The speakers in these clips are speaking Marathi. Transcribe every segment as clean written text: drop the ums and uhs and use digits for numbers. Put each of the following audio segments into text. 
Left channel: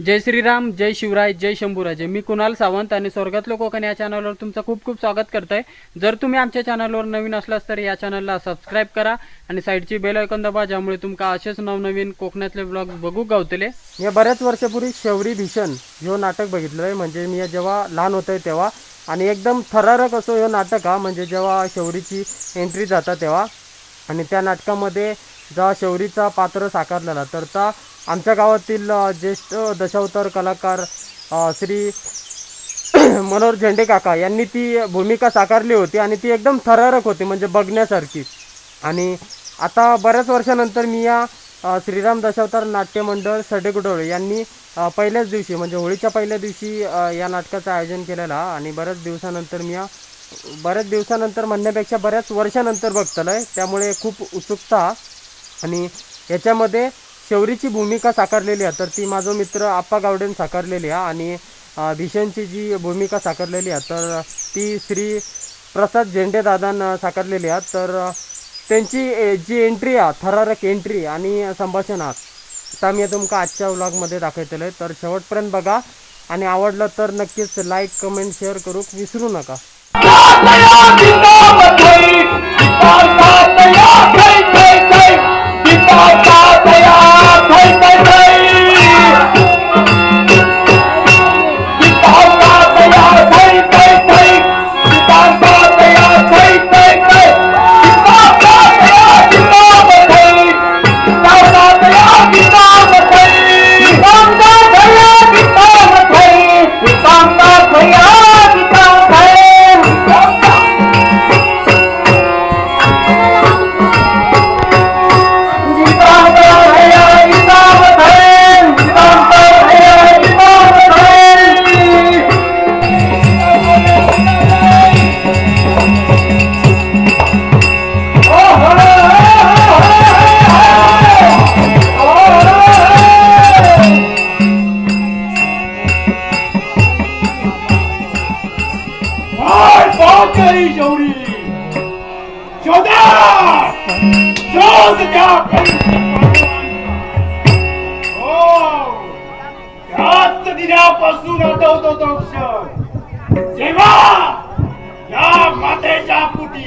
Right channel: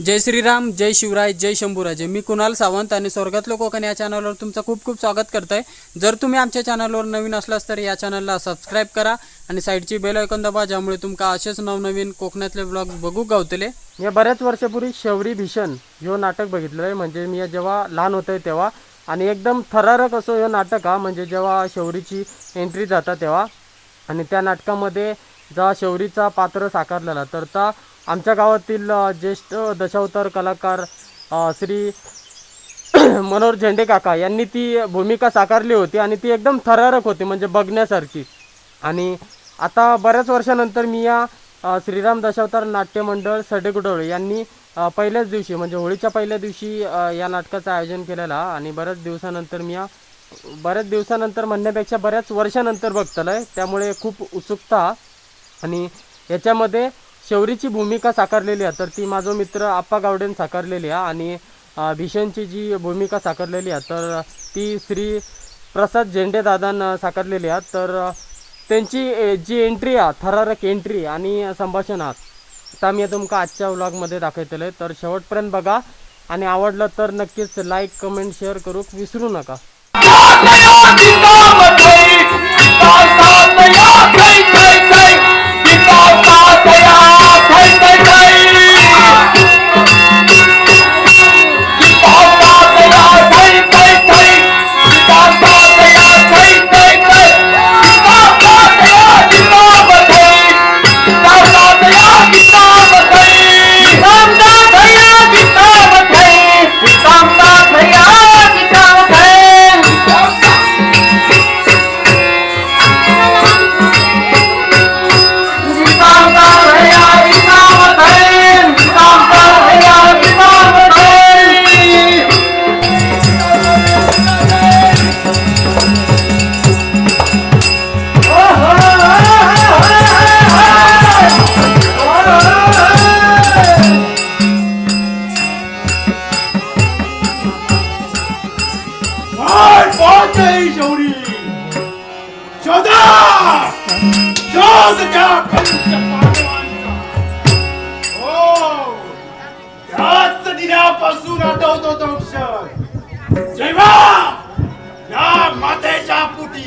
जय श्रीराम, जय शिवराय, जय शंभूराजे. मी कुणाल सावंत आणि स्वर्गातलं कोकण या चॅनलवर तुमचं खूप खूप स्वागत करतोय. जर तुम्ही आमच्या चॅनलवर नवीन असलास तर या चॅनलला सबस्क्राईब करा आणि साईडची बेल आयकॉन दाबा, ज्यामुळे तुमका असेच नवनवीन कोकणातले ब्लॉग बघू गावतले. मी बऱ्याच वर्षापूर्वी शौरी भीषण ह्यो नाटक बघितलं आहे. म्हणजे मी जेव्हा लहान होतोय तेव्हा, आणि एकदम थरारक असो ह्यो नाटक हा. म्हणजे जेव्हा शौरीची एंट्री जाता तेव्हा, आणि त्या नाटकामध्ये जेव्हा शौरीचा पात्र साकारलेला तर त्या आमच्या गावातील ज्येष्ठ दशावतार कलाकार श्री मनोहर झेंडे काका यांनी ती भूमिका साकारली होती आणि ती एकदम थरारक होती, म्हणजे बघण्यासारखी. आणि आता बऱ्याच वर्षानंतर मी या श्रीराम दशावतार नाट्य मंडळ सडेगुडोळे यांनी पहिल्याच दिवशी, म्हणजे होळीच्या पहिल्या दिवशी या नाटकाचं आयोजन केलेलं. आणि बऱ्याच दिवसानंतर म्हणण्यापेक्षा बऱ्याच वर्षानंतर बघतलं आहे, त्यामुळे खूप उत्सुकता. आणि याच्यामध्ये शौरीची भूमिका साकारलेली आहे तर ती माझा मित्र आप्पा गावडेन साकारलेली आहे. आणि भीषणची जी भूमिका साकारलेली आहे तर ती श्री प्रसाद झेंडे दादांना साकारलेली आहे. तर त्यांची जी एंट्री आहे, थरारक एंट्री आणि संभाषण आहात, तर मी तुमका आजच्या व्लॉगमध्ये दाखवलेलं आहे. तर शेवटपर्यंत बघा आणि आवडलं तर नक्कीच लाईक, कमेंट, शेअर करू विसरू नका. दिनापासून आठवतो तो क्षण जेव्हा या मातेच्या पोटी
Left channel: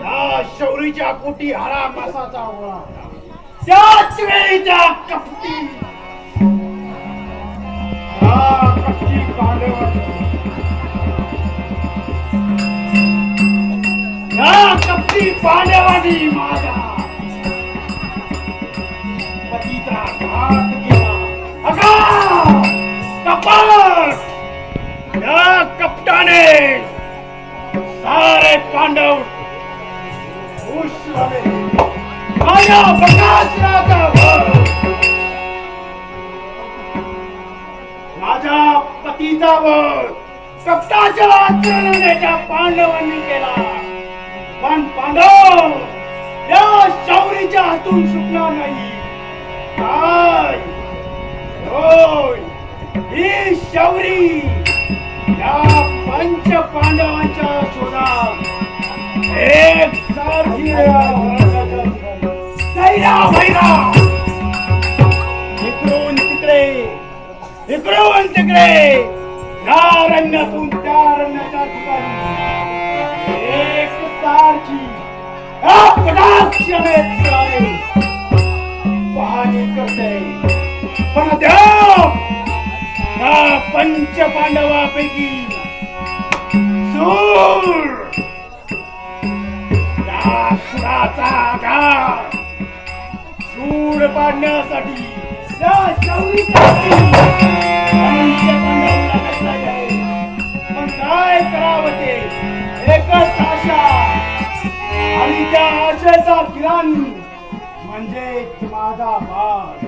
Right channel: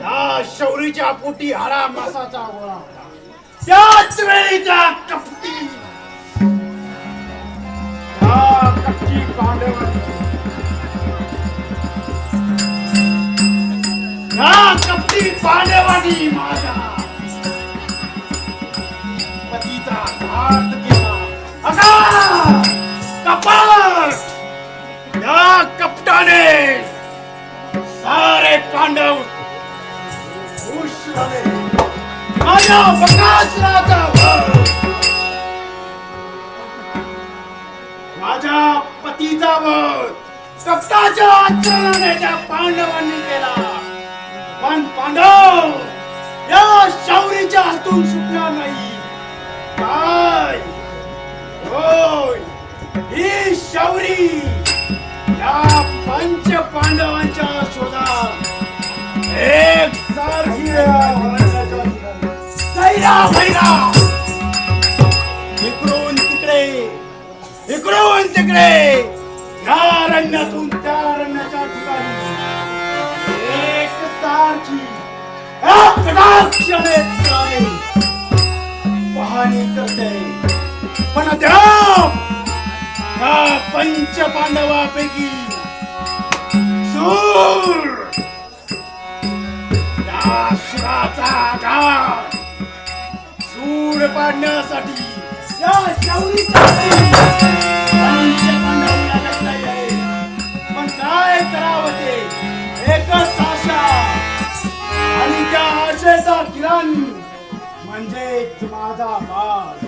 या शौरीच्या पोटी हरा मासाचा गोळा, त्याच वेळी त्या कपटी पांडवांनी माझ्या पतीचा घात केला. कपट या कपटाने सारे पांडव खुश झाले. माझ्या बकासुराचा वध, माझ्या पतीचा वध कपटाच्या आचरणाने त्या पांडवांनी केला. पण पांडव या शौरीच्या हातून सुटला नाही. काय होय, ही शौरी या पंच पांडवांच्या शोधात एक सारखी इकडून तिकडे या रण्यातून त्या रण्याच्या ठिकाणी एक सारखी पाहणी करते. पण अद्याप या पंच पांडवापैकी सूर या सुराचा घात सूर पाडण्यासाठी या शौरीच्या पांडवांना लागला आहे. पण काय करावं ते एकच आशा, आणि त्या आशेचा किरण म्हणजेच माझा बाळ,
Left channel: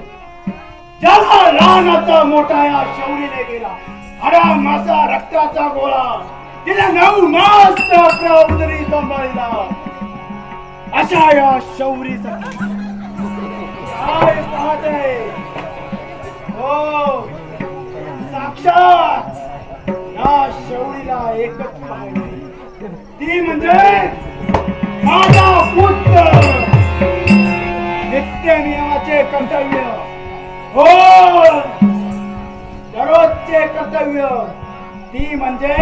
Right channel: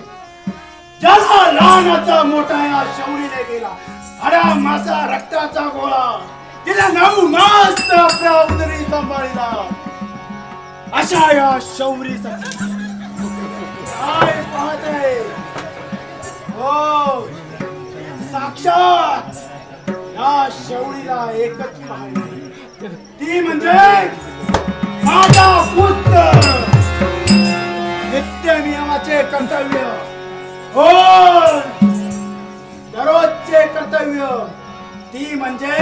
ज्याला लहानाचा मोठा या शौरीने गेला. हरा माझा रक्ताचा गोळा, तिला 9 मास आपल्या उदरी सांभाळला. अशा या शौरीसाठी काय पाहते हो, साक्षात या शौरीला एकच पाहिजे, ती म्हणजे पुत्राचे कर्तव्य हो दररोजचे कर्तव्य ती म्हणजे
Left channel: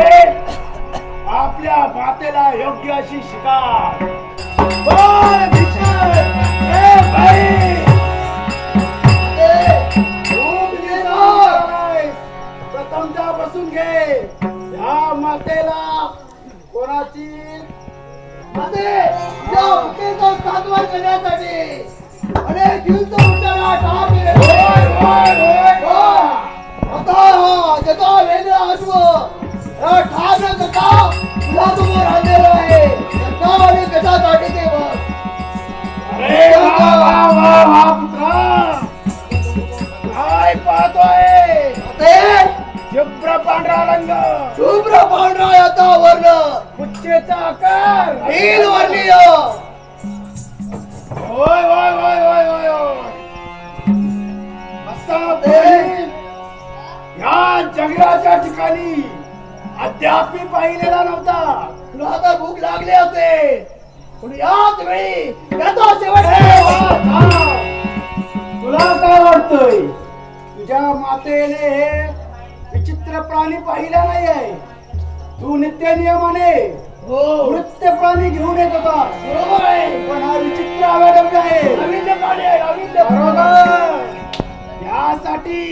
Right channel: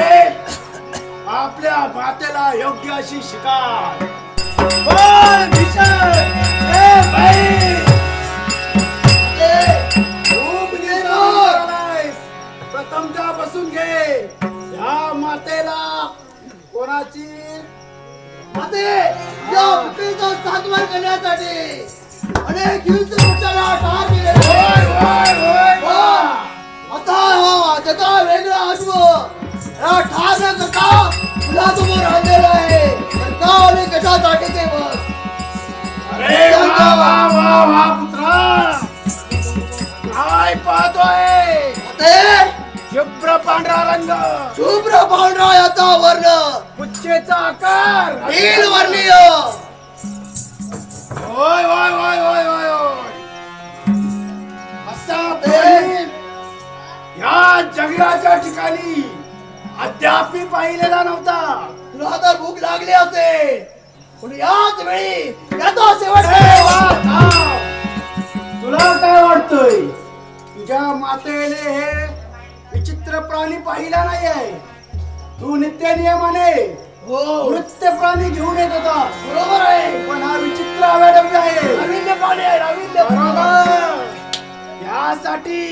आपल्या मातेला योग्य अशी शिकार बोल भीषण ए बाई प्रथमतः बसून घे या मातेला कोणाची माते या भुकेचा सातवार करण्यासाठी अनेक युद्ध मोर्चाला ठार केले आता त्याचा वेगळा अश्व या ठार न करता मुलासमोर आणलेलं आहे तर का आणि कशासाठी ते बघ अरे वा वा वा वा पुत्रा काय पाहतोय ते शुभ्र पांढरा रंग शुभ्र पांढरा याचा वर्ण पुच्छेचा आकार नील वर्णीय होय होय होय होय होय होय असा प्राणी या जंगलाच्या ठिकाणी अद्याप मी पाहिलेला नव्हता तुला आता भूक लागली असेल पण याच वेळी याचा शेवट ए वा, थांब. तुला काय वाटतंय तुझ्या मातेने हे विचित्र प्राणी पाहिला नाही आहे तू नित्य नियमाने हो नृत्य प्राणी घेऊन येत होता बरोबर आहे पण हा विचित्र अवैधव्य आहे रवींद्र पाणी आहे रवींद्र बरोबर यासाठी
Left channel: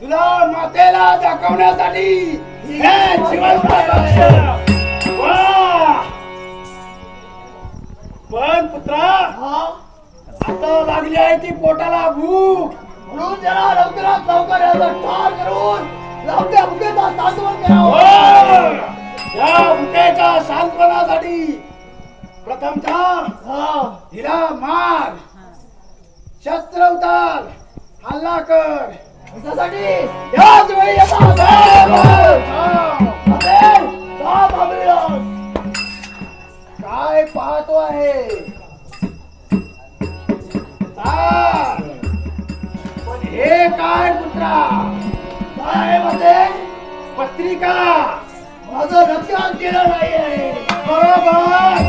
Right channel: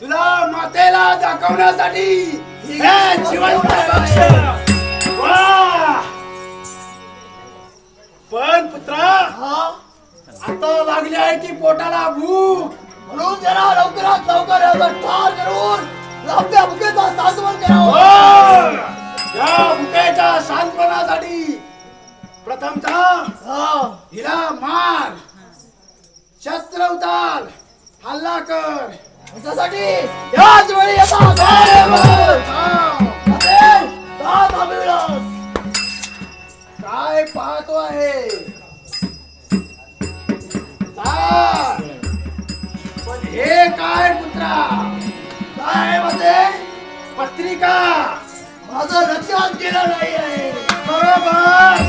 तुला मातेला दाखवण्यासाठी हे जिवंत पक्ष वा पण पुत्रा हा आता लागली आहे की पोटाला भूक म्हणून जरा लवकरात लवकर याचा ठार करून लांबच्या भुकेचा सांत्वन हो! करावं या भुकेच्या सांत्वनासाठी प्रथमतः हा हिला मार शस्त्र उतार हल्ला कर त्यासाठी याच वेळी येता काय पाहतो आहे चाल. पण हे काय पुत्रा काय मध्ये पत्रिका माझं लक्षात गेलं नाहीये बरोबर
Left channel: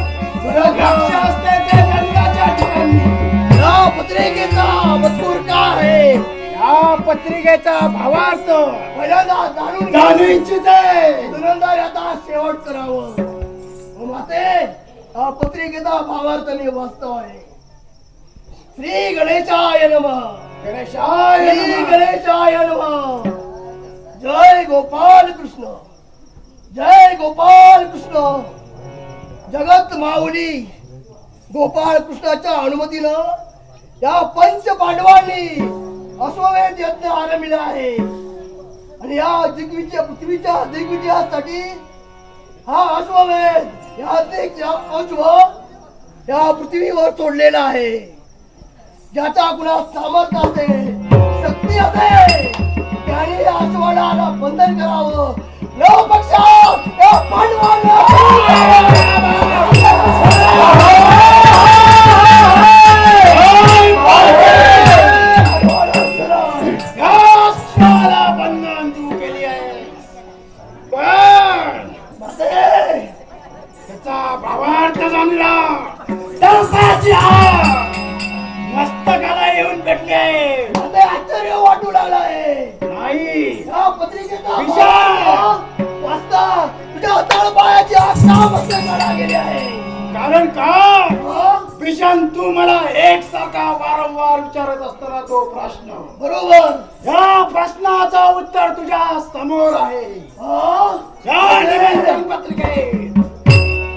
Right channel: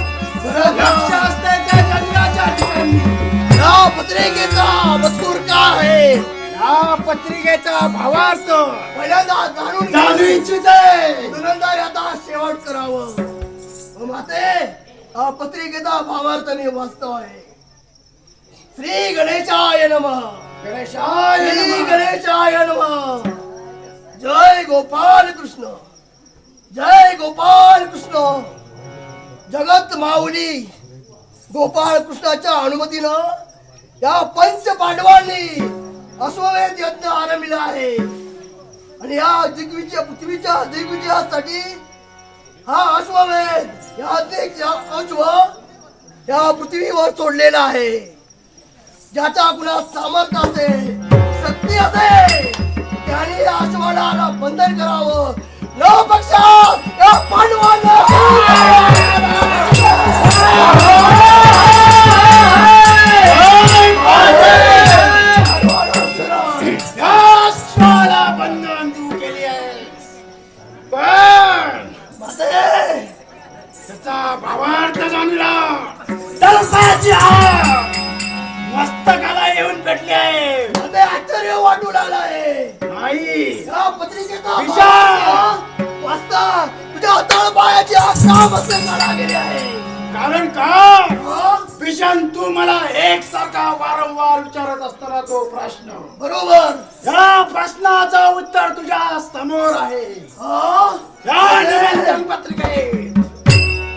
लक्ष असते ते जंगलाच्या ठिकाणी या पत्रिकेचा मजकूर काय आहे या पत्रिकेचा भावार्थ पहिल्यांदा जाणून जाणू घ्या इच्छिते नंतर याचा शेवट करावं माते हा पत्रिकेचा भावार्थ मी वाचतो आहे श्री गणेशाय नमः गणेशाय श्री नमः. गणेशाय नमः जय गोपाल कृष्ण जय गोपाल कृष्ण जगत माऊली गोपाळ कृष्णाच्या अनुमतीनं या पंच पांडवांनी अश्वमेध यज्ञ आरंभिला आहे आणि या दिग्विजय पृथ्वीच्या दिग्विजयासाठी हा अश्वमेध या अश्व या पृथ्वीवर सोडलेला आहे ज्याच्या कुणा सामर्थ्य असेल शक्ती असेल त्याने या अश्वाला बंधन करावं न पक्षा या पांडवांना या स्वाला बंधन तू केली आहे पण त्याचा भावार्थ जाणला तळपाची आहे मस्तकाला येऊन भेटली आहे मला आश्चर्य वाटू लागलं आहे नाही या पत्रिकेचा विशाल! वाचता तुझ्या तळपायाची आत्मा बसले काढा गेली आहे कारण का हं? भीषण तू मला एकसारखा वारंवार विचारत असताना तो प्रश्न बरोबर या प्रश्नाचा उत्तर तुझ्या समोर आहे हं? या निवेदन पत्रिकेत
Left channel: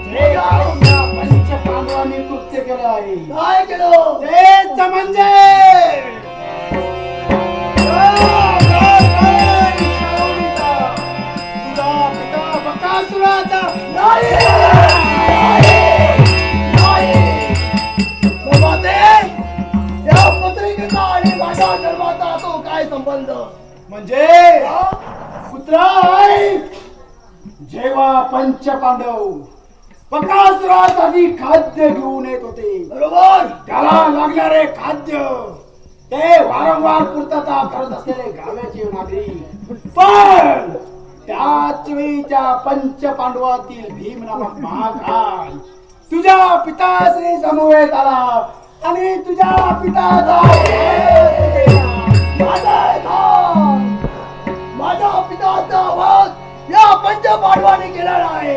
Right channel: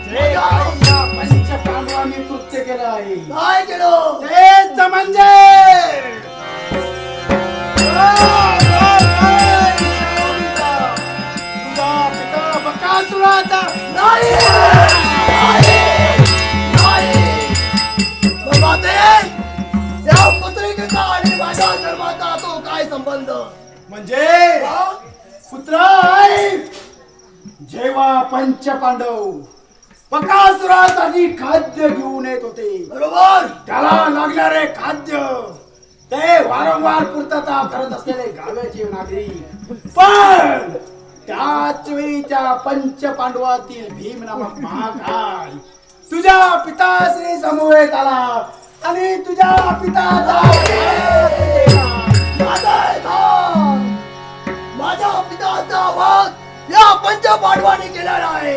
जे काही या पंच पांडवांनी कृत्य केलं आहे काय केलं तेच म्हणजे तुझा पिता बकासुराचा नाही नाही नाही बाबा ते या पत्रिकेचा आणि माझ्या धर्माचा तो काय संबंध म्हणजे हं? पुत्र आहे जेव्हा पंच पांडव बकासुरासाठी खाद्य घेऊन येत होते बरोबर त्याला लागणारे खाद्य ते वारंवार पूर्तता करत असलेले गावाचे नागरिक पण त्याच वेळी त्या पंच पांडवातील भीम नामक महाकाय तुझ्या पिताश्री समवेत आला आणि तुझ्या पिताचा माझ्या पिताचा वाद या पंच पांडवांनी केलेला आहे.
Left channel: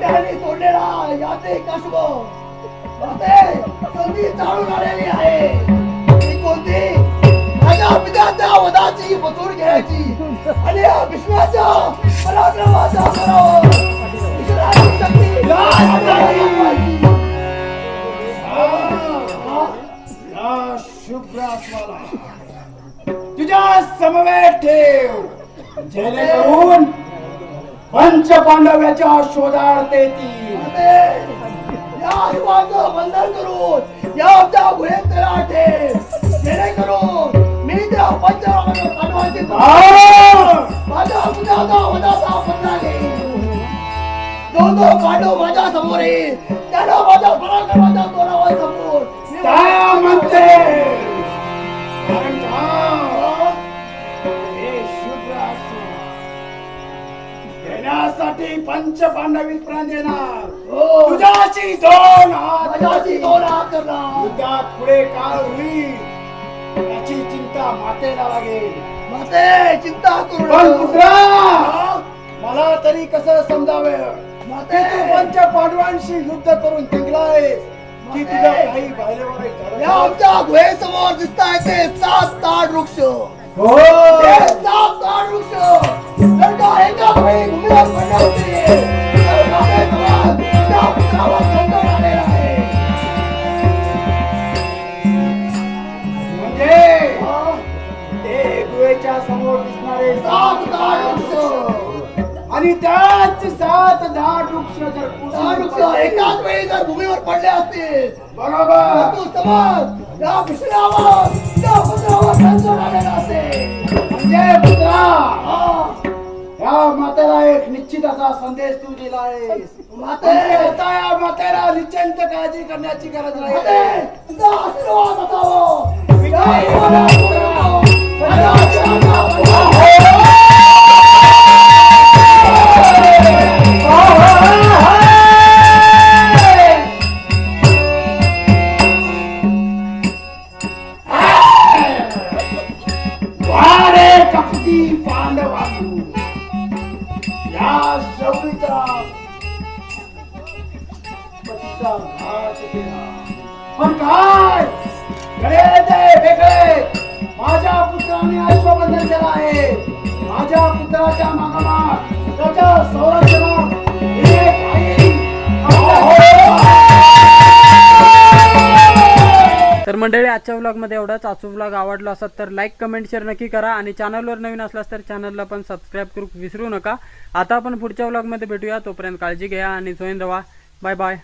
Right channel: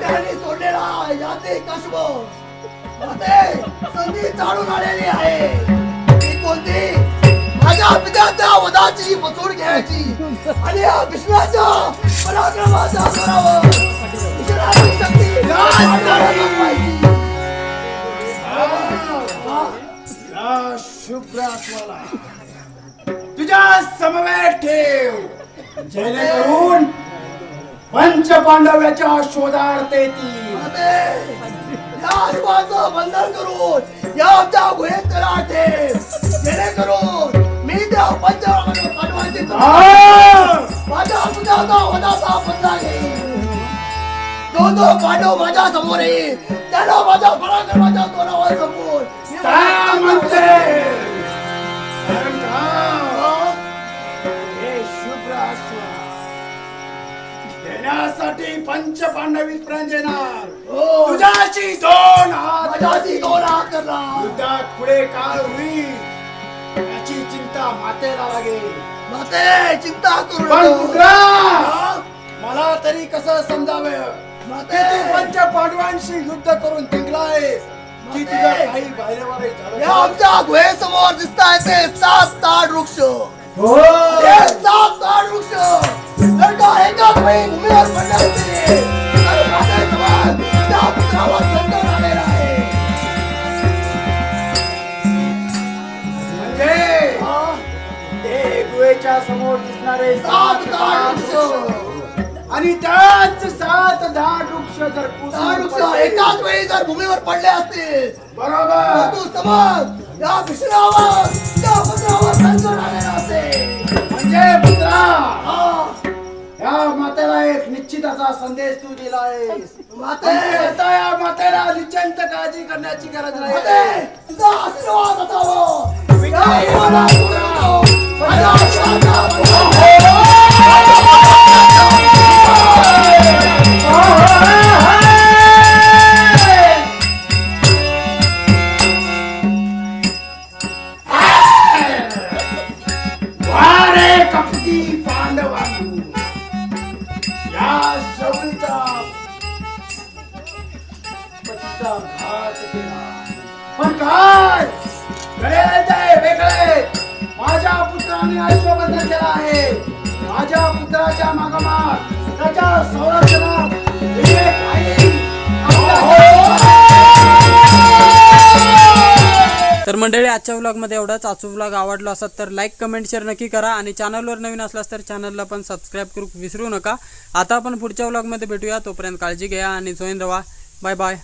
त्यांनी सोडलेला याते कशब संधी चालून आलेली आहे. ती कोणती? माझ्या पित्याच्या वधाची बसून घ्यायची आणि या विष्णाच्या पराक्रमाचा बरोबर विष्णाची शक्ती दाखवायची. या शुभ्रास्वाला तुझ्या समवेत ठेव, जेणेकरून पंच पांडव्याच्या शोधार्थ येतील. या शिवाचं बंधन करून या आमच्या गुहेत करा ठेव, जेणेकरून मी त्या पंच पांडवांची माझ्या सुजाचा वधाचा बदला घेईन. जो पांडव माझ्या समोर येईल त्याला माझ्या पराक्रमाच्या तोरावर समोर मी काय म्हणते? हे शुभ्रास्वाला घेण्यासाठी पंच पांडव प्राण देणार. तुझ्याची दोन हात माझ्याशी दोन हात करणार. युद्धात पुढे काय होईल याची चिंता मातेला लागेल. माते चिंता करू पण नको. पुत्रा, मला तरी कसं समजावं माते की तू पंच पांडवांशी युद्ध करून जिंकलायस की तुझ्या काही बाहेरवर या आमच्या गुहेसमोर दिसताय ते 7 ताड वृक्ष. हो. ते 7 ताड वृक्ष जर का एकाच वेळी भूमीवर पडले असते तर माझ्या समाज त्या पुत्रावर संकट आलेलं आहे. म्हणजे ते गुहेच्या समोर दिसणारे 7 ताड वृक्ष आणि त्याच 7 झाड वृक्ष जर ताड वृक्ष एकाच वेळी जर भूमीवर पडले असते बरोबर तर तू समज या विष्णावर त्या पुत्रावर संकट आलेलं असते. म्हणजे पुत्रा, हा. या मातेला एक निश्चित असा संदेश तू दिलायस. माते आता या मातेला निश्चिंत काळजी करण्याची गरज माते नाही. तुझा आशीर्वाद असावं. विजयी मला पुत्र, माझ्या आशीर्वाद वारे कपटी पांडवांनी या शौरीचा पतीचा घात केला. पण काय वेगळे माझ्या पुत्राने अश्वबंधन केलं आहे. माझ्या पुत्राच्या मागोमाग त्याच्या संरक्षणात एक आई तर मंडळी आजच्या व्लॉगमध्ये एवढाच. आजचा व्लॉग आवडला असेल तर लाईक कमेंट शेअर नक्की करा आणि चॅनलवर नवीन असलास तर चॅनलला पण सबस्क्राईब करू विसरू नका. आता आपण पुढच्या व्लॉगमध्ये भेटूया. तोपर्यंत काळजी घ्या आणि जॉईन रहा. Bye bye.